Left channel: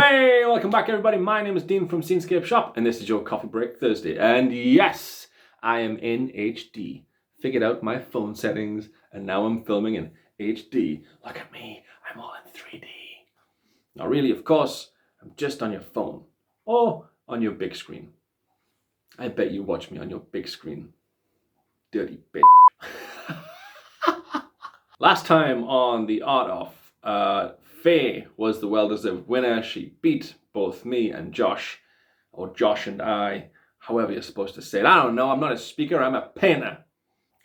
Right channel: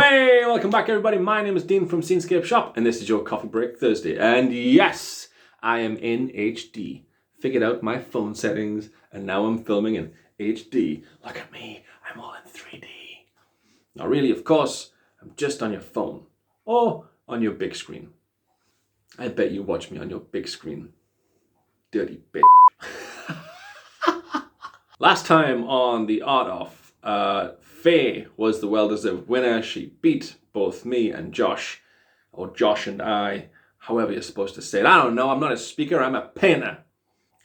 Hey, welcome back everybody. My name is Dean from Scenescapeshop and this is your Coffee Break Thursday. And yes, I am in HD. Figured out my phone settings and now I'm filming in HD. Look at me, I'm all in 3D. Now really, of course, I'm just on your phone or on your big screen. I bet you watch me on your big screen. Dirty bitch. Last time on the Art Off, Faye was the well-deserved winner. She beat both me and Josh, or Josh and I, however you're supposed to say it. I don't know, I'm not a speaker, I'm a painter.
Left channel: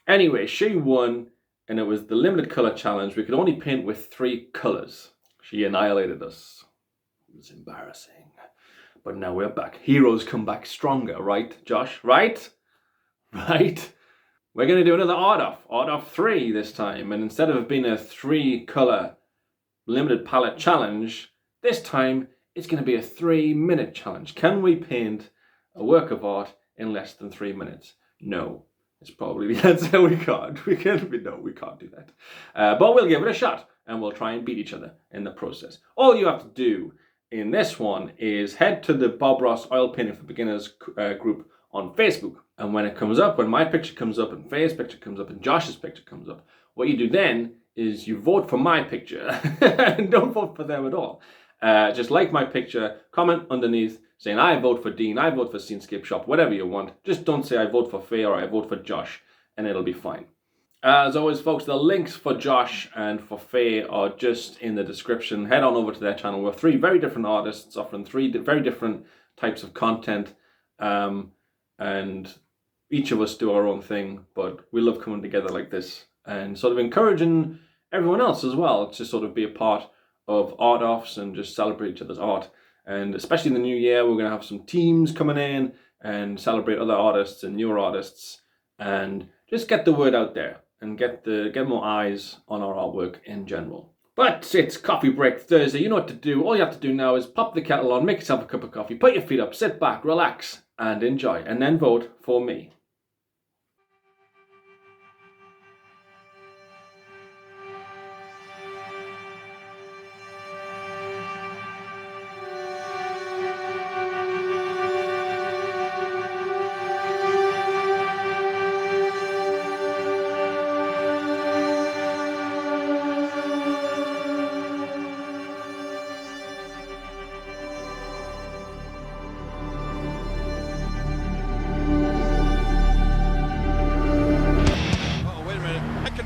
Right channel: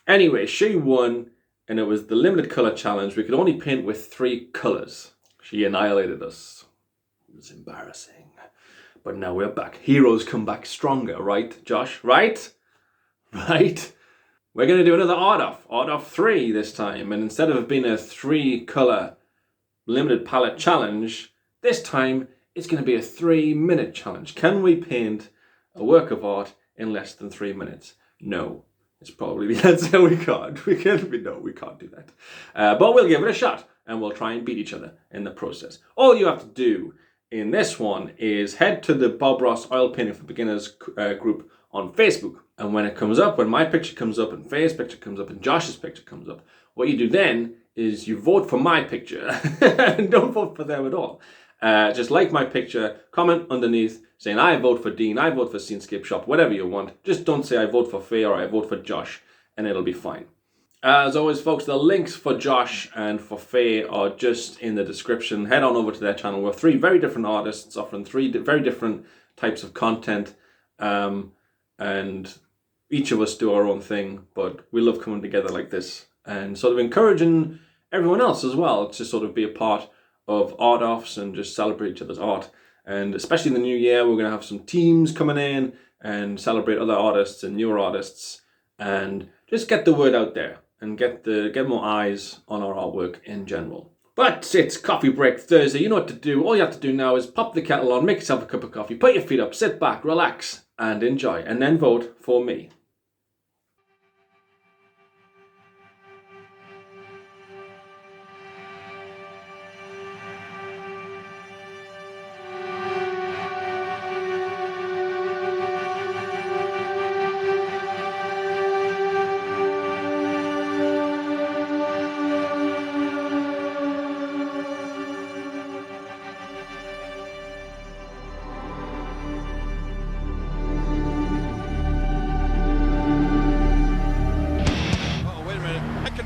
Anyway, she won, and it was the limited color challenge. We could only paint with 3 colors. She annihilated us. It was embarrassing. But now we're back. Heroes come back stronger, right, Josh? Right? Right? We're going to do another Art Off 3 this time. And instead of it being a 3-color limited palette challenge, this time it's going to be a 3-minute challenge. Can we paint a work of art in less than 3 minutes? No. It's probably the answer. We can't. We can't do that. But we'll give it a shot and we'll try and beat each other in the process. All you have to do in this one is head to the Bob Ross Oil Painting for Beginners group on Facebook. And when it comes up, when my picture comes up and Faye's picture comes up and Josh's picture comes up, what you do then is you vote for my picture and don't vote for them at all. Just like my picture, comment underneath saying I vote for Dean, I vote for Scenescapeshop, whatever you want. Just don't say I vote for Faye or I vote for Josh and it'll be fine. As always, folks, the links for Josh and for Faye are just in the description. Head on over to their channel. We're 3 very different artists offering 3 very different types of content. And each of us do our own thing, but we love coming together like this and sort of encouraging everyone else as well to sort of be a part of art offs and just celebrate each other's art. And especially in the new year, we're going to have some teams coming in and celebrate other artists and newer artists and just get the word out there and get more eyes on our artwork in general. But it's Coffee Break Thursday. You know what to do. All you have to do now is pop the kettle on, make yourself a cup of coffee, put your feet up, sit back, relax, and enjoy. And then vote for me.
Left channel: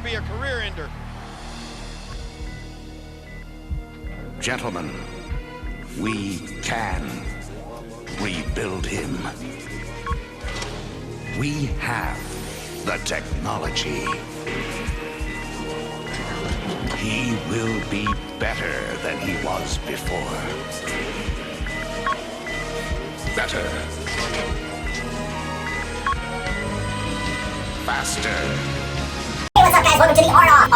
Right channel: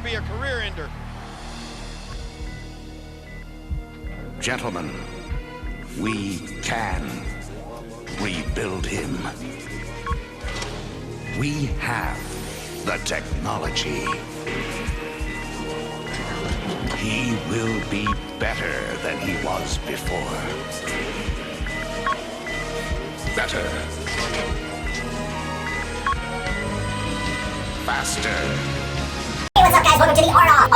Be a career ender. Gentlemen, we can rebuild him. We have the technology. He will be better than he was before. Better. Faster. Hey, what's up guys? Welcome to the Art Off.